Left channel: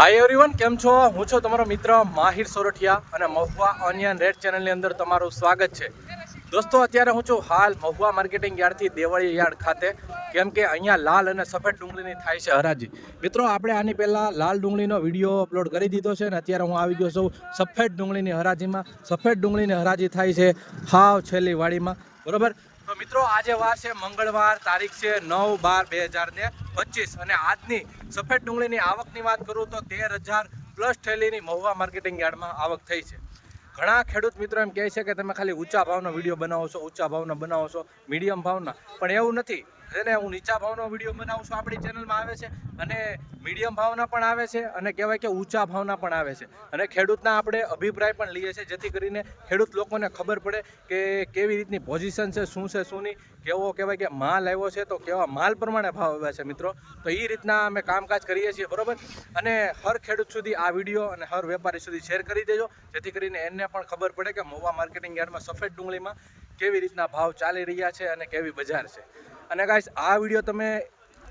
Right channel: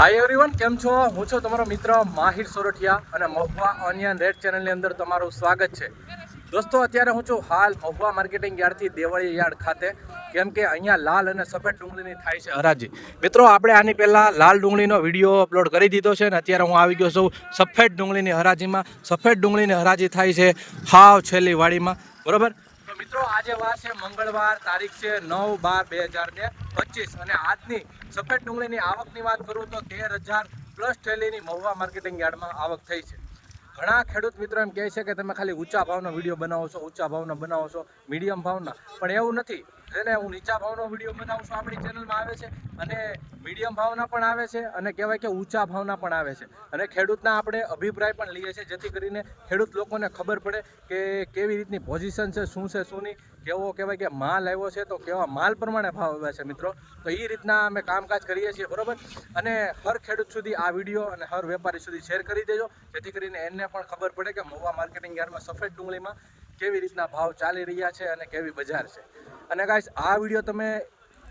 Hi everyone કેમ છો? હું છું તમારો મિત્ર માહિર સોરઠિયા અને મહુવા ઓનિયન રેડ ચેનલની અંદર તમારું સ્વાગત છે. દોસ્તો, અત્યારે હું છું હાલ મહુવા માર્કેટિંગ યાર્ડથી દેવળી યાર્ડ ખાતે. કેમ કે અહીંયા લાલ અને સફેદ ડુંગળીની થાય છે હરાજી. મિત્રો, આપણે આની પહેલાં લાલ ડુંગળીનો વીડિયો અપલોડ કરી દીધો છે ને અત્યારે હું આવી ગયો છું સફેદ ડુંગળીની હરાજીમાં. સફેદ ડુંગળીની હરાજી થાય છે હાવ છેલ્લી વાડીમાં. બરોબર? મિત્રો, આજે વાર છે મંગળવાર, તારીખ છે નવ બાર બે હજાર ને પચીસ. અને આજની સફેદ ડુંગળીની આવકની વાત કરું તો તેર હજાર પ્લસ થેલીની મહુવા માર્કેટિંગ યાર્ડમાં આવક થઈ છે. ઘણા ખેડૂત મિત્રો એમ કહે છે કે તમે ખાલી ઊંચા ભાવનો વીડિયો બનાવો છો, ઊંચા ભાવનો બનાવો છો મીડિયમ ભાવના. પણ એવું નથી. એને હું નીચા ભાવનો વીડિયો બનાવું છું આપણી ચેનલમાં આવે છે અને મીડિયમ ભાવના પણ આવે છે અને કહેવાય કે ઊંચા ભાવના પણ આવે છે. અને ખેડૂતના આપણે અભિપ્રાય પણ લઈએ છીએ, જેથી કરીને ખેડૂત લોકોને ખબર પડે કે કેવી રીતની પોઝિશન છે, શું છે, શું નહીં. કેવો કહેવાય કે માલ આવ્યો છે, તો કેવા માલ પ્રમાણે ભાવ આવ્યા છે મિત્રો. તો એ રીતના અમે કામકાજ કરીએ છીએ, બરોબર? અને હર ખેડૂત સુધી આ વીડિયો અને હર વેપારી સુધી શેર કરી દેજો, જેથી કરીને એને પણ ખબર પડે કે મહુવા માર્કેટિંગ યાર્ડમાં સફેદ ડુંગળીમાં કેવી રીતના ભાવ ચાલી રહ્યા છે અને કેવી બજાર છે. અને ગાઈસ આ વીડિયો તમે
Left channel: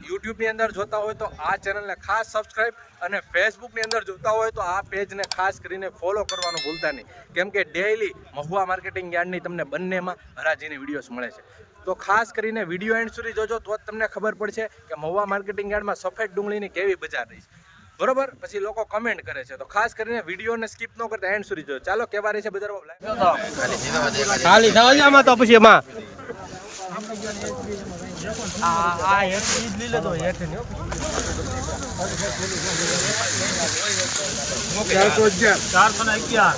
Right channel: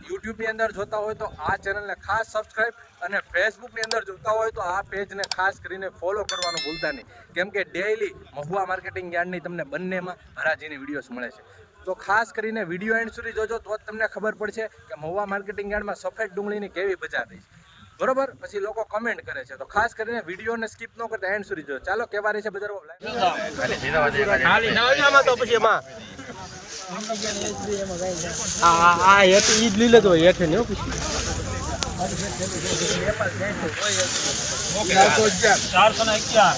યુટ્યુબની અંદર જોતા હોય તો આ ચેનલને ખાસ સબસ્ક્રાઇબ અને ફેસબુકની અંદર જોતા હોય તો આ પેજને ખાસ કરીને ફોલો કરવાનું ભૂલતા નહીં. કેમ કે ડેઈલી મહુવા માર્કેટિંગ યાર્ડની તમને બંનેમાં હરાજીની વિડીયોઝ મળે છે. તો ખાસ કરીને વીડિયો એન્ડ સુધી જોજો તો જ તમને ખબર પડશે કે મહુવા માર્કેટિંગ યાર્ડમાં સફેદ ડુંગળીની કેવી બજાર રહી છે. બરોબર? પછી લોકો કમેન્ટ કરે છે. તો ખાસ કરીને વિડીયોને સ્કીપ ન કરતા એન્ડ સુધી જોજો. ચાલો કેવા રહી છે બજારમાં ખાલી નવજામાં તો પછી એમાં. આ આ હેઠ ઈ જ લઈ લેતો હેઠ ને ચારસો ને અગિયાર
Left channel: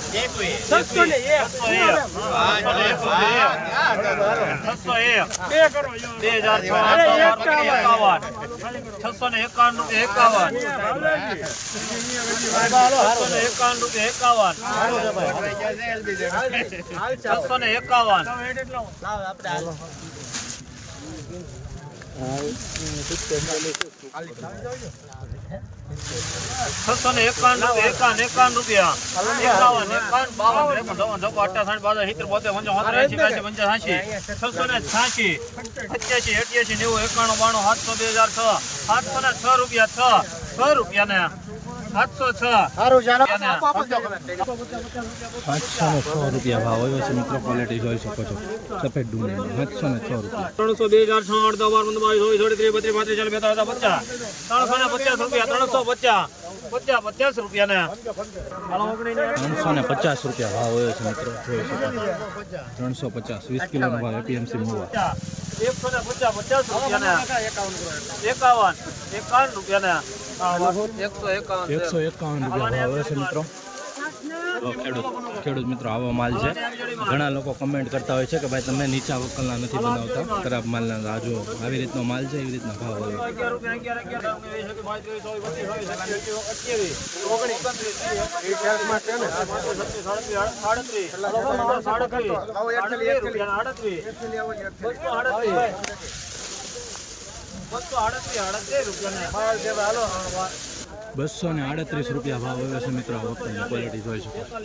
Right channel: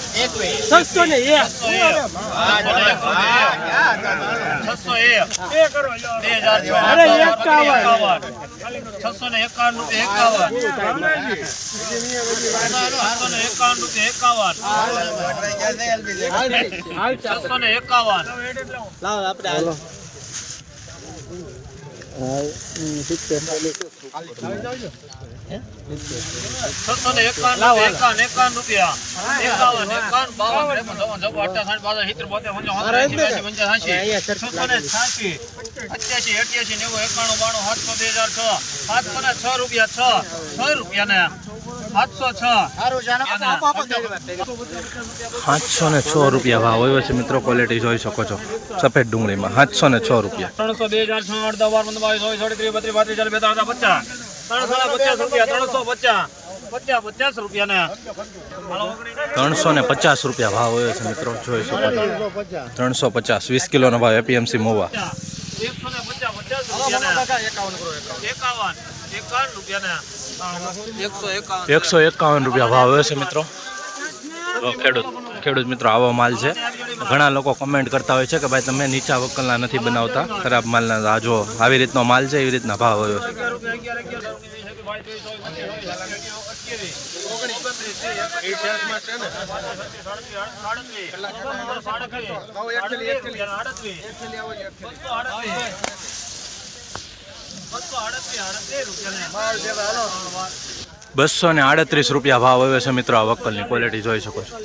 છસો ને એક. છસો એક. બે હજાર છ છસો ને એકાવન રૂપિયા એકાવન. છસો ને એકાવન રૂપિયા એકાવન. છસો ને એકાવન. છસો ને એકાવન એકાવન એકાવન રૂપિયા. એકાવન એકાવન બાવન ત્રેપન ચોપન ચોપન સિત્તેર બોતેર પંચાવન એંસી બ્યાસી પંચાસી છસો ને છ્યાસી અઠ્યાસી અઠ્યાસી નેવું એકાણું બાણું સાતસો બે હજાર છ. સાતસો ને છ રૂપિયા છ. છ રૂપિયા ને સાતસો ને છ રૂપિયા ભાવ આવ્યો છે મિત્રો ક્વોલિટી જોઈ શકો છો. સફેદ ડુંગળીમાં સાતસો ને છ રૂપિયા. ત્રણસો બે હજાર છ અડધા બાર પંદર બાવીસ ચોવીસ ચોવીસ ત્રીસ બત્રીસ પાંત્રીસ ચાલીસ બેતાળીસ પચાસ. ત્રણસો ને પચાસ રૂપિયા ત્રણસો પચાસ. રૂપિયા ત્રણસો ને પચાસ રૂપિયા ભાવ આવ્યો છે મિત્રો જોઈ શકો છો. ત્રણસો પચાસ વીસ કિલોનો ભાવ એપીએમસી મોવા. એકસો ને પચાસ પચાસ રૂપિયા એકાવન એકાવન. રૂપિયા ને એકસો એકાવન રૂપિયા ભાવ છે મિત્રો. ખેડૂત ખેડૂત મિત્રો, આવો માલ છે. ઘણા લોકો કમેન્ટ કરતા હોય છે કે ભાઈ તમે નીચા વકલના નથી બનાવતા, ખરાબ માલના. આ આવી રીતનો માલ છે, એવી રીતના ભાવ આવ્યો છે બસો ને આડત્રીસ રૂપિયા ભાવ આવે છે મિત્રો આ વકલની ક્વોલિટી જોઈ શકો છો.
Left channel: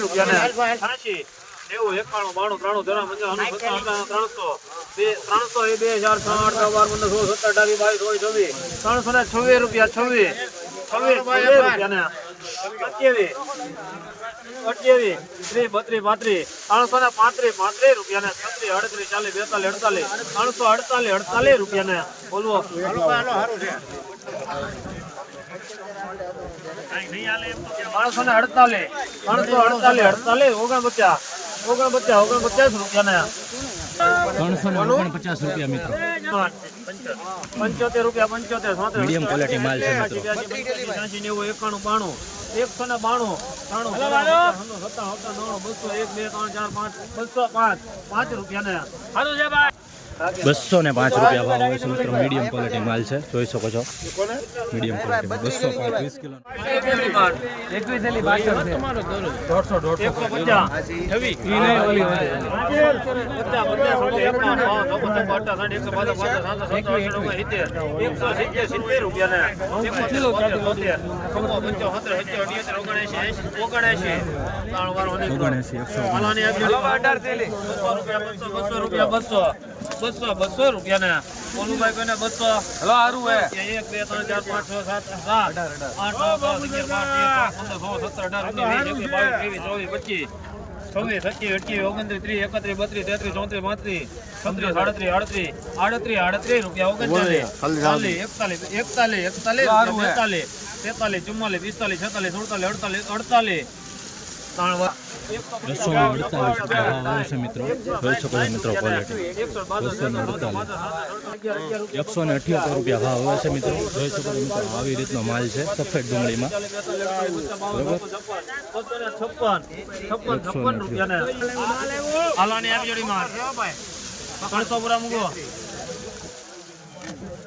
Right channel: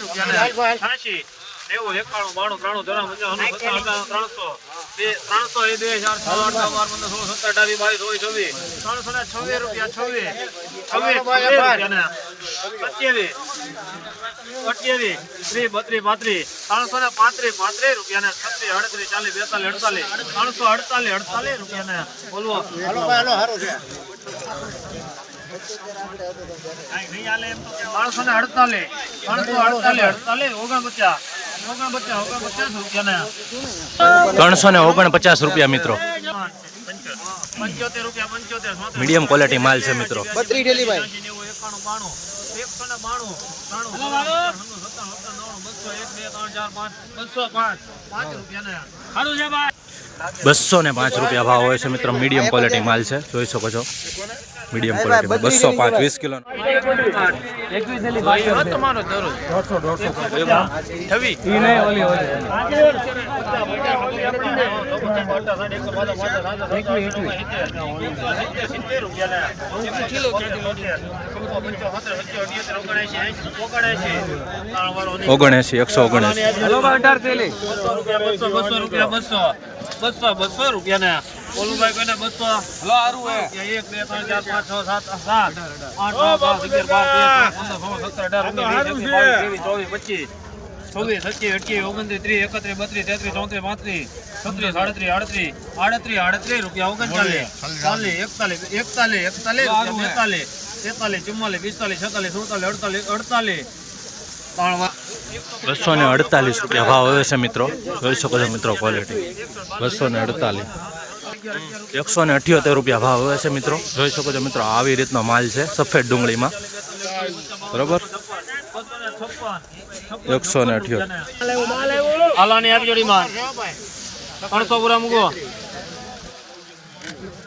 રૂપિયા ત્રણસો એ બે હજાર છ આઠ નવ બાર પંદર સોળ સત્તર અઢાર બાવીસ ચોવીસ ચોવીસ ત્રણસો ને છવ્વીસ રૂપિયા છવ્વીસ. છવ્વીસ છવ્વીસ ને અઠ્યાવીસ ત્રીસ બત્રીસ પાંત્રીસ. ત્રણસો ને પાંત્રીસ પાંત્રીસ રૂપિયા ને છત્રીસ અડત્રીસ ચાલીસ બેતાલીસ અડતાલીસ. ત્રણસો અડતાલીસ અડતાલીસ રૂપિયા ને બોલવો ત્રણસો ને અડતાલીસ. ત્રણસો અડતાલીસ અડતાલીસ ઓગણપચાસ. ત્રણસો ને ઓગણપચાસ રૂપિયા મિત્રો. પંચોતેર પંચોતેર મીડિયમ ક્વોલિટી માલ છે મિત્રો. બસો ને પાંચ રૂપિયા ભાવ હોય છે મિત્રો. મીડિયમ ક્વોલિટી માલ છે. જોઈ શકો છો. મીડિયમ ક્વોલિટીમાં બસો પાંચ વીસ કિલો દરરોજ એકસો ઓગણએંસી એકસો ઓગણએંસી બસો રૂપિયા બસો બસો બસો રૂપિયા ને ઓલુભાઈ કોઈને બસો. હલો હારું હે. એક બે ત્રણ ચાર પાંચ છ સાત સાત. આઠ નવ દસ અગિયાર બાર તેર સોળ સત્તર અઢાર ઓગણીસ વીસ બાવીસ ત્રેવીસ ચોવીસ પચીસ. છવ્વીસ સત્યાવીસ અઠ્યાવીસ ઓગણત્રીસ ત્રીસ એકત્રીસ બત્રીસ તેત્રીસ ચોત્રીસ પાંત્રીસ છત્રીસ સાડત્રીસ આડત્રીસ આડત્રીસ આડત્રીસ રૂપિયા ઓગણચાલીસ. ચાલીસ એકતાલીસ એકતાલીસ એકતાલીસ બેતાલીસ તેતાલીસ ચુમ્માલીસ પિસ્તાલીસ છતાલીસ સુડતાલીસ અડતાલીસ અડતાલીસ. બસો ને અડતાલીસ રૂપિયા ભાવ હવે છે મિત્રો. જોઈ શકો છો મિત્રો ક્વોલિટી બસો ને અડતાલીસ. એકસો ને અઠ્યોતેર રૂપિયા ભાવ હોય છે મિત્રો. જોઈ શકો છો મિત્રો આવી રીતનો માલ છે સફેદ ડુંગળીમાં. બરોબર? એકસો ને અઠ્યોતેર.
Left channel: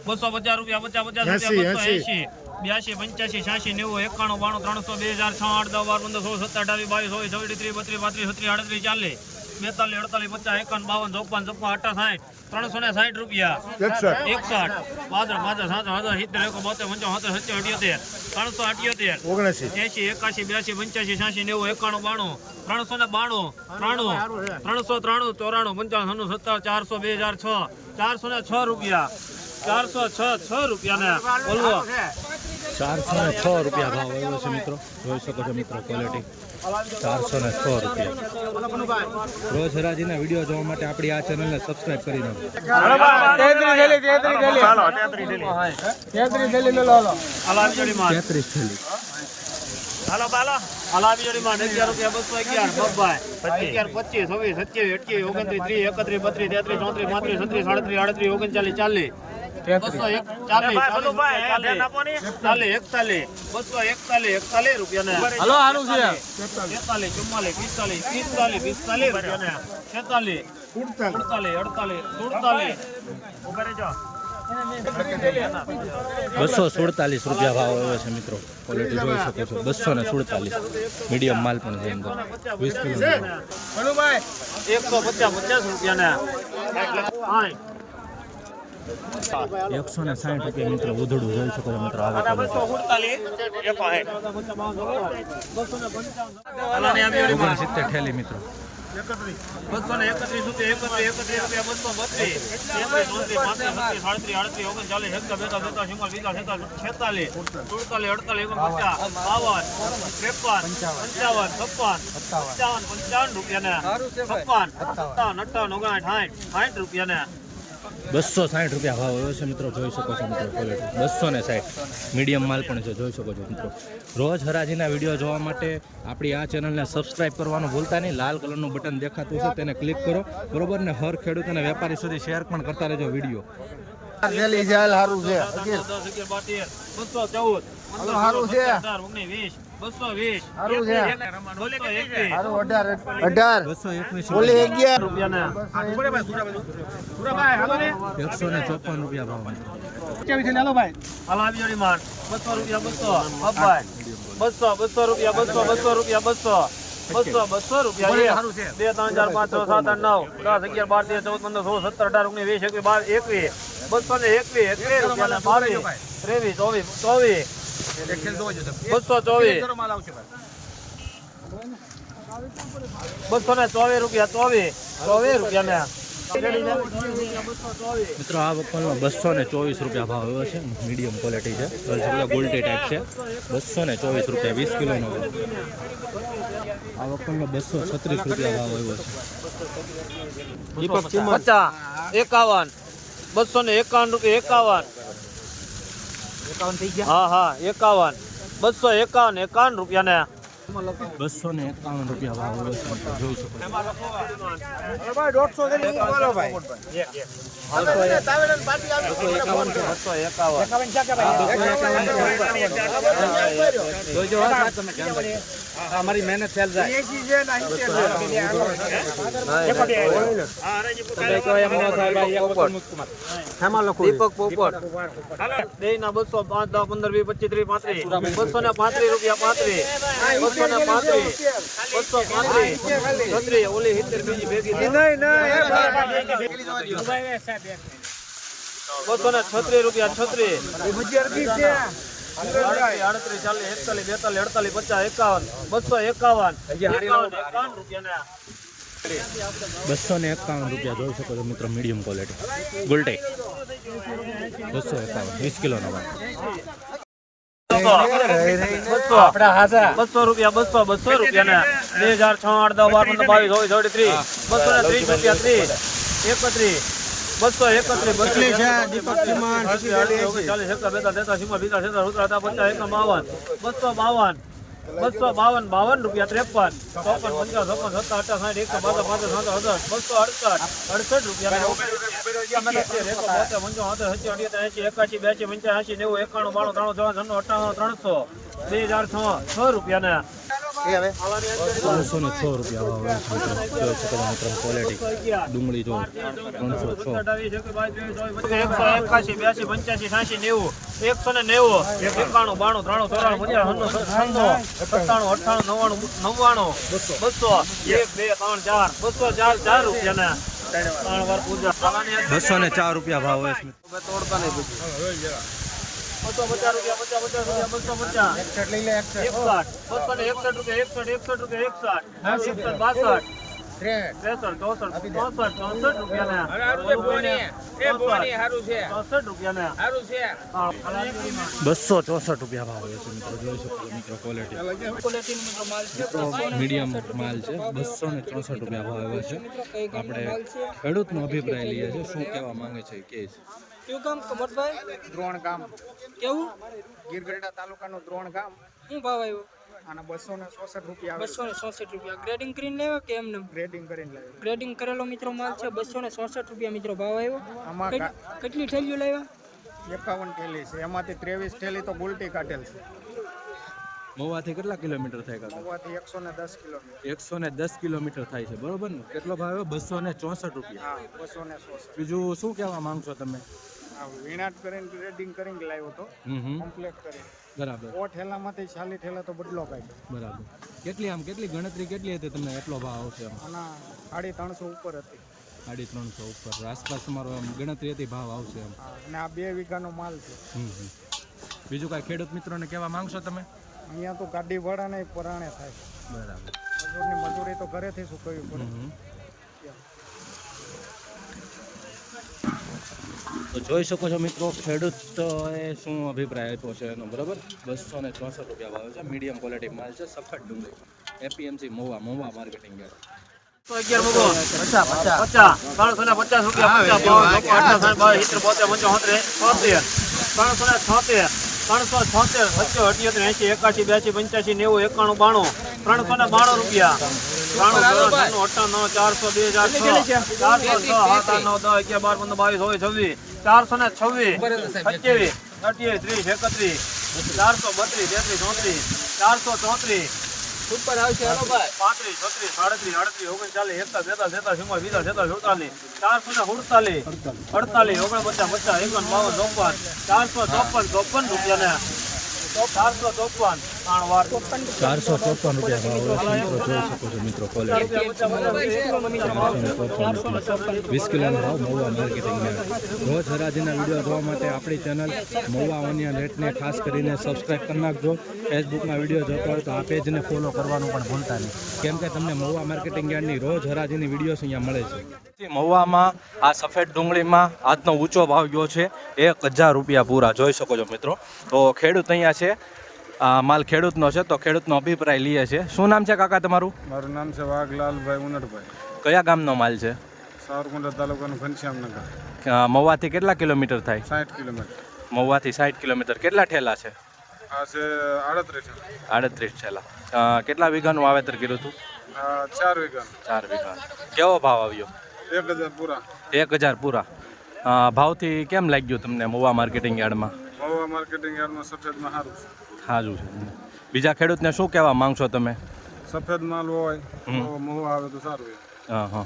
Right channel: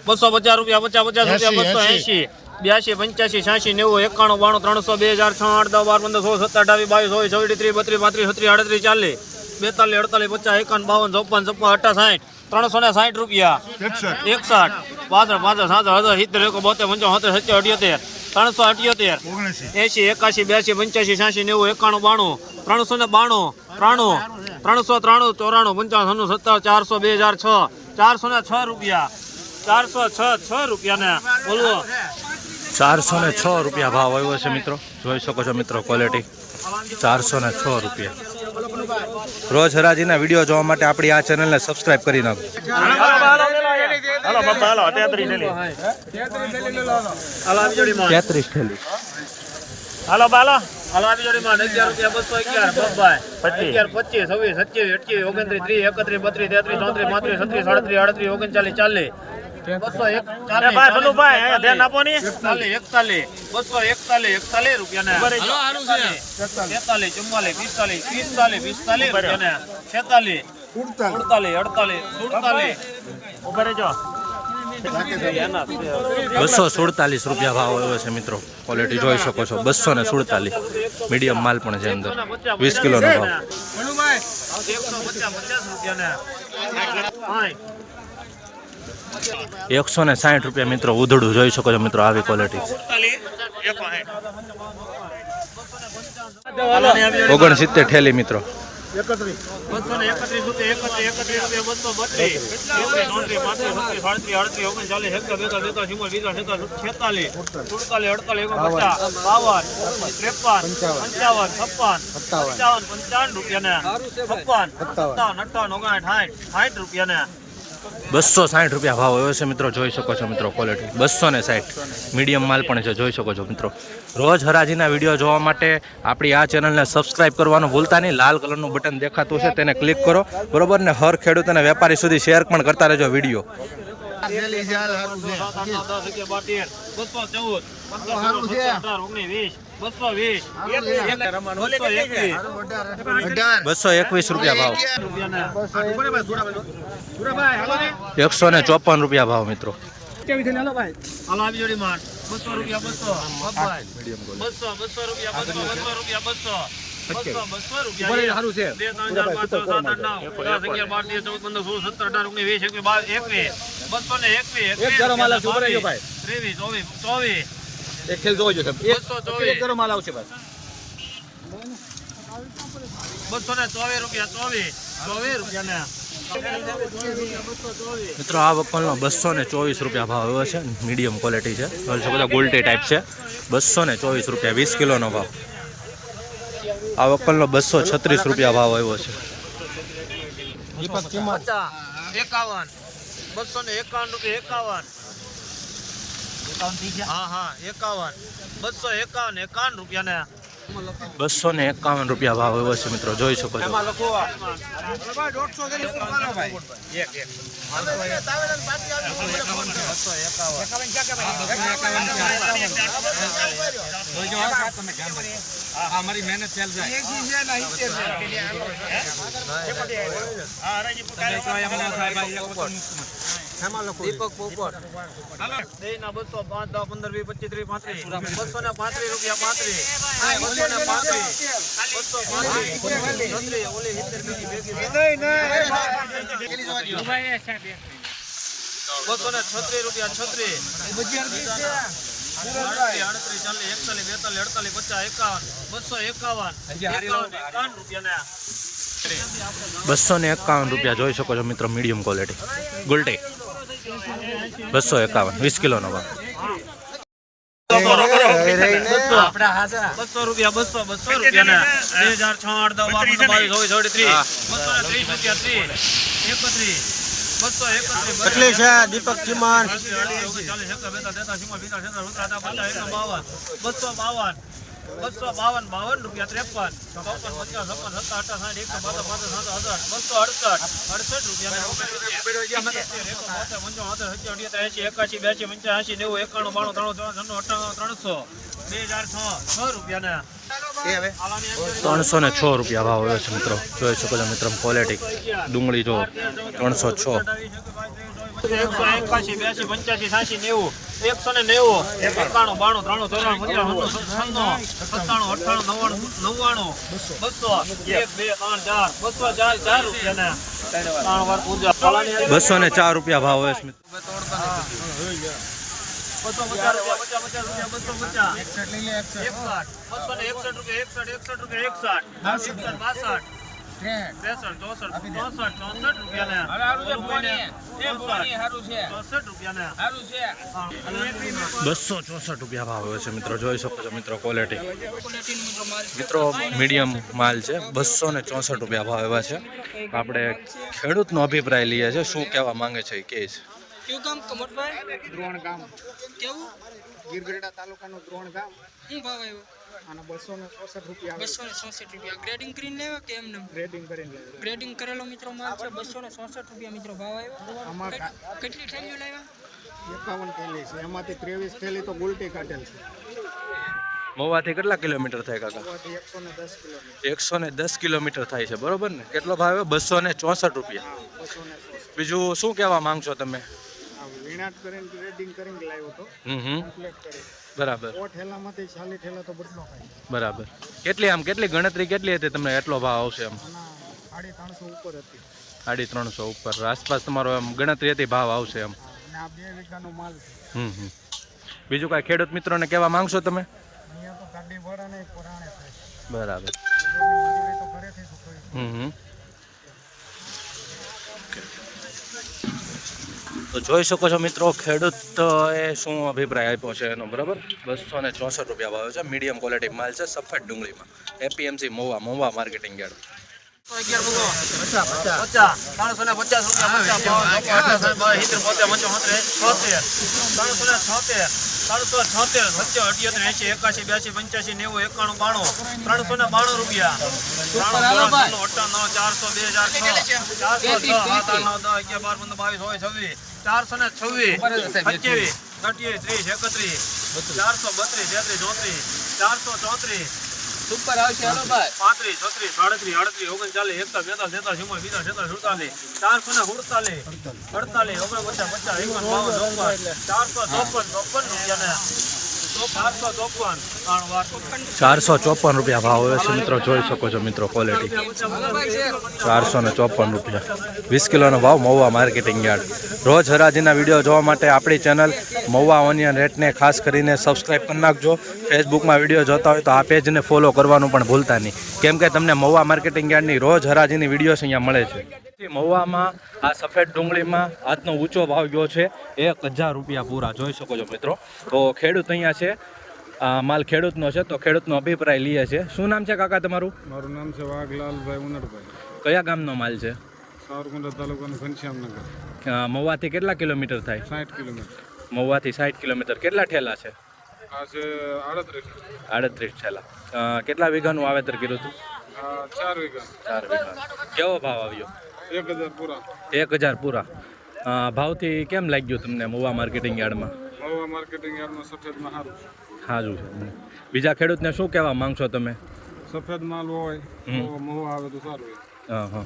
બસો પચાસ રૂપિયા પચાસ પચાસ રૂપિયા બસો એસી બ્યાસી પંચ્યાસી છ્યાસી નેવું એકાણું બાણું ત્રણસો બે હજાર છ આઠ દસ બાર પંદર સોળ સત્તર અઢાવી બાવીસ ચોવીસ ચોવીસ ત્રીસ બત્રીસ પાંત્રીસ છત્રીસ આડત્રીસ ચાલીસ. બેતાલીસ અડતાલીસ પચાસ એકાવન બાવન ચોપન છપ્પન અઠા સાઠ ત્રણસો ને સાઠ રૂપિયા. એકસઠ. પાસઠ પાસઠ સાત હજાર સિત્તેર એકો બોતેર પંચાવન સત્તર સત્તર અઠ્યોતેર ત્રણસો અઠ્યોતેર એસી એકાશી બ્યાસી પંચ્યાસી છ્યાસી નેવું એકાણું બાણું ત્રણસો ને બાણું ત્રાણું ત્રણસો ત્રાણું ચોરાણું પંચાવન સત્તર ચારસો બે હજાર છ ચારસો ને છ રૂપિયા. ચારસો છ છ રૂપિયા ને બોલવો. ચારસો ને છ રૂપિયા ભાવ આવ્યો છે મિત્રો. જોઈ શકો છો મિત્રો ક્વોલિટી ચારસો ને છ રૂપિયા. રોજ હરાજીના વીડિયો જોવા માટે આપણી આ ચેનલને સબસ્ક્રાઇબ કરી નાખો. તેત્રીસ થેલી. હાલો બાલો. જોડી માં અગિયાર રૂપિયા બસો અગિયાર પચીસ. છવ્વીસ સત્યાવીસ અઠ્યાવીસ ઓગણત્રીસ ત્રીસ એકત્રીસ બત્રીસ તેત્રીસ ચોત્રીસ પાંત્રીસ છત્રીસ સાડત્રીસ આડત્રીસ ઓગણચાલીસ ચાલીસ. બસો એકતાલીસ બસો એકતાલીસ એકતાલીસ રૂપિયા ચુમ્માલીસ પિસ્તાલીસ પિસ્તાલીસ પિસ્તાલીસ રૂપિયા ને છેતાલીસ અડતાલીસ અડતાલીસ સુડતાલીસ. ઊભા રહેજો. બસો સુડતાલીસ રૂપિયા ભાવ આવ્યો છે મિત્રો. ક્વોલિટી જોઈ શકો છો. બસો ને સુડતાલીસ. મીડિયમ માલ પણ છે અંદર. વીસ કિલોનો ભાવ. એકસો ને સાહીઠ રૂપિયા મિત્રો ઉધડું જોઈ શકો છો મિત્રો આવી ક્વોલિટી ઓગણસિત્તેર ઠેલી મિત્રો. રૂપિયા ને છપ્પન, સત્તાવન અઠાવન ઓગણ સાઠ સાઠ રૂપિયા ને બસો સાઠ રૂપિયા ભાવ એવો છે મિત્રો જોઈ શકો છો મિત્રો ક્વોલિટી બસો ને સાઠ મીડિયમ માલ પણ છે જોઈ શકો છો મિત્રો. રોજ હરાજીના વીડિયો જોવા માટે આપણી આ ચેનલને સબસ્ક્રાઇબ કરવાનું ભૂલતા નહીં. લાલ કલરનું બટન દેખાતું છે તેને ક્લિક કરો. બરોબર ને? હર ખેડૂત અને વેપારી સુધી શેર પણ કરતા રહેજો વીડિયો સારું ચૌદ. એકસો ને ચોપન રૂપિયા ભાવ મિત્રો. બસો રૂપિયા. બે ત્રણ ચાર પાંચ છ સાત આઠ નવ દસ અગિયાર બાર તેર ચૌદ પંદર સોળ સત્તર અઢાર ઓગણીસ વીસ એકવીસ બાવીસ એકવીસ. બસો ને એકવીસ ચોવીસ રૂપિયા, બાવીસ ત્રેવીસ ચોવીસ. ચોવીસ બસો ચોવીસ બસો ને ચોવીસ રૂપિયા ચોવીસ. ચોવીસ રૂપિયા ને મિત્રો આ વકલનો બસો ને ચોવીસ રૂપિયા ભાવ આવ્યો છે. મીડિયમ ક્વોલિટી છે. બધા ગોલ્ટી ટાઈપ છે. બસો ને ચોવીસ રૂપિયા વીસ કિલોનો ભાવ. આ વપલનો બસો છત્રીસ રૂપિયા ભાવ આવ્યો છે. પચાસ એકાવન. બસો ને એકાવન રૂપિયા એકાવન. હા હા એકાવન. બસો એકાવન એકાવન રૂપિયા ને બસો ને એકાવન રૂપિયા ભાવ એવો છે મિત્રો જોઈ શકો છો. અમારી મહેનત ફેલ દીપક પોપટ બસો પાંચ દસ પંદર વીસ પચીસ ત્રીસ પાંત્રીસ. બસો ને પાંત્રીસ રૂપિયા પાંત્રીસ. બસો ને છત્રીસ રૂપિયા છત્રીસ આડત્રીસ ચાલીસ બેતાલીસ અડતાલીસ પચાસ એકાવન બસો એકાવન બસો ને એકાવન રૂપિયા જોઈ શકો છો મિત્રો મીડિયમ ક્વોલિટી ગુલટી બસો એકાવન વીસ કિલોનો ભાવ. બસો. રૂપિયા બસો બસો રૂપિયા બે હજાર છ આઠ દસ બાર બાવીસ ચોવીસ ચોવીસ ત્રીસ બસો ને ત્રીસ રૂપિયા ત્રીસ. એકત્રીસ. બસો એકત્રીસ કેટલી છે દીપક ચીમાન ચાલીસ એકા બેતા તેતા સીમા બીતા તેતા સુતરા હતા પચાસ એકા બાવન. બસો બાવન. બસો બાવન બાવન રૂપિયા ત્રેપન. ચોપન, પંચાવન ચોપન સત્તા અઠાસ સાઠ, એકસો બાજા પાંચ સાત હજાર બસો અડસઠ અડસઠ રૂપિયા એકાસી બ્યાસી પંચ્યાસી, નેવું, એકાણું, બાણું ત્રણ ત્રણ અઠાણું ત્રણસો, બે હજાર છ છ રૂપિયા ત્રણસો ને છ રૂપિયા ભાવ આવ્યો છે મિત્રો. જોઈ શકો છો મિત્રો ક્વોલિટી ડુંગળી જો ત્રણસો છ. એકસો બ્યાસી પંચ્યાસી છ્યાસી નેવું એકસો ને નેવું એકાણું બાણું ત્રાણું ચોરાણું પંચાણું છન્નું સત્તાણું અઠાણું નવ્વાણું નવ્વાણું બસો એક બે ત્રણ ચાર બસો ચાર ચાર રૂપિયા ને ત્રણ વાર પૂજા બસો ને ચાર રૂપિયા ભાવ આવે છે બસો ચોસઠ રૂપિયા ભાવ આવે છે મિત્રો જોઈ શકો છો મિત્રો ક્વોલિટી મિત્રો મીડિયમ માલ છે બસો ને ચોસઠ રૂપિયા ભાવ એવા છે આપણે ખેડૂતનો અભિપ્રાય લઈએ છીએ શું કહેવા માંગે છે કે છે કયું ગામ કમરભાઈ? દ્રોણ ગામ. કેવું? ગીરગઢડા તાલુકાનું દ્રોણ ગામ. શું ભાવ આવ્યો? અને બસો ને ચોસઠ રૂપિયા બસો ને ચોસઠ રૂપિયા. ગ્રેડિંગ કરીને લેવા કે એમને? ગ્રેડિંગ કરીને લેવા. ગ્રેડિંગ કરેલો મિત્રો માલ છે બસો ને ચોસઠ રૂપિયા મિત્રો ભાવ આવ્યો. આમાં કેટલી થેલીઓ લાવ્યા? એકાવન થેલી છે. એમાંથી ત્રેવીસ થેલી તો ગુલટી કાઢેલ છે. મહુવાથી કેટલા કિલોમીટર થાય કાકા? એકસો ને દસ કિલોમીટર. દસ કિલોમીટર થાય છે બરોબર ને? કેટલો ભાવ આવ્યો? બસો ને ચોસઠ રૂપિયા. બીજું શું કહેવા માંગશો તમે? વીણાટ કરીને ગ્રેડિંગ કરીને લાવ્યો તો હમ હમ. કમ્પ્લીટ કરી. બરાબર. ઓ ઠેલામાંથી ચાલી ઠેલા તો બદલો કાઢ્યો બરાબર. કેટલી આમ કેટલી ગણતરી કેટલી હતી તમને? એટલો ભાવ આવશે આમ? સાડી ત્રણસો ઉપર હતી. સાડી ત્રણસો ઉપર. આસપાસ તમારો આમ ગણતરી હતી ભાવ આવશે એમ અને આ બે વીઘાનો માલ છે. હમ હમ. બીજું કાંઈ ખેડૂત મિત્રોને કહેવા માંગશો તમે? અહીંયા તો ગાડી નહીં પરાણે થાય બરાબર. મજૂરી તો ઘરેથી શું કર્યું હમ હમ તો જોઈ શકો છો મિત્રો ખેડૂત એ શું અભિપ્રાય આપ્યો છે એનો બરાબર બસો ને ચોસઠ રૂપિયા ભાવ છે મીડિયમ ક્વોલિટી માલ છે સફેદ ડુંગળીમાં APMC Mahuva Mahuva marketing yard પચાસ રૂપિયા ત્રણસો છોતેર સત્યો અઠ્યોતેર એસી એકાશી બ્યાસી પંચ્યાસી નેવું એકાણું બાણું. ત્રણસો ને બાણું રૂપિયા નવ ચારસો બે હજાર ચારસો બાર પંદર બાવીસ ચોવીસ છવ્વીસ. ચારસો ને છવ્વીસ સત્યાવીસ અઠ્યાવીસ ત્રીસ એકત્રીસ ચારસો બત્રીસ તેત્રીસ ચોત્રીસ ચારસો ચોત્રીસ ઉપર આવશે, હેલો ભાઈ. પાંત્રીસ, છત્રીસ, સાડત્રીસ, આડત્રીસ, ઓગણચાલીસ એકતા બેતાલીસ તેતાલીસ ચુમ્માલીસ બીજા તેતાલીસ સુડતાલીસ. ચારસો ને સુડતાલીસ, અડતાલીસ, ઓગણપચાસ પચાસ બાવન ચોપન ચારસો ચોપન ચોપન રૂપિયા ને ચારસો ચોપન રૂપિયા ભાવ હવે છે. મિત્રો જોઈ શકો છો મિત્રો ક્વોલિટી ચારસો ને ચોપન રૂપિયા. વીસ કિલોનો ભાવ મહુવા માર્કેટિંગ યાર્ડ. રોજ હરાજીના વીડિયો જોવા માટે આપણી ચેનલ મહુવા ઓનિયન રેટને ખાસ કરીને સબસ્ક્રાઈબ કરી નાખજો. ફેસબુકમાં વીડિયો જોતા હોય તો આ પેજને ફોલો કરવાનું પણ ભૂલતા નહીં. કેમ કે તમને મહુવા માર્કેટિંગ યાર્ડની રોજ હરાજીની વીડિયો અહીંયા મળે છે. મહુવામાં આ સફેદ ડુંગળીમાં આજનો ઊંચો ભાવ ગયો છે. એક હજાર રૂપિયા પૂરા. જોઈ શકો છો મિત્રો. તો ખેડૂત અહીંયા છે. આ માલ ખેડૂતનો છે તો ખેડૂતનો અભિપ્રાય લઈએ છે શું નામ છે કાકા તમારું? મારું નામ છે વાઘલાલભાઈ ઉનડભાઈ કયા ગામનો માલ છે? સાવરકુંડલા તાલુકાનું ઘનશ્યામનગર. મહુવાથી કેટલા કિલોમીટર થાય? સાઠ કિલોમીટર. મહુવાથી સાઠ કિલોમીટર. કેટલા ઠેલા છે? આ છે આડત્રીસ છેલ્લા કેટલા વીઘાનું વાવેતર કર્યું હતું? ચાર વીઘા. ચાર વીઘા. કેવો ભાવ આવ્યો? એક હજાર પૂરા. ભાવથી કેમ લાગ્યું તમને મોવા માર્કેટિંગ યાર્ડમાં? મોવા માર્કેટિંગ યાર્ડમાં સફેદમાં સારું સારું છે. બીજા ખેડૂતને શું કહેવા માંગશો તમે? સફેદ માલ હોય તો મોવા આવે તો સારું હા હા.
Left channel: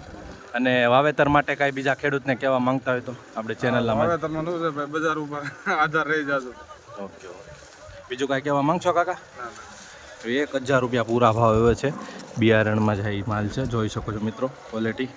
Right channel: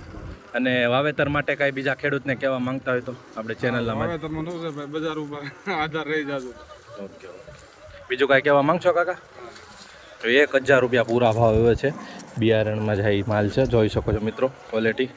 અને વાવેતર માટે કાંઈ બીજા ખેડૂતને કહેવા માંગતા હોય તો? આપણે ચેનલના માટે તમે શું છે ભાઈ બજાર ઉપર આધાર રહી જાજો. Okay okay. બીજું કાંઈ કહેવા માંગશો કાકા? તો એક હજાર રૂપિયા પૂરા ભાવ એવો છે. બિયારણમાં જાય માલ છે. જોઈ શકો છો મિત્રો ક્વોલિટી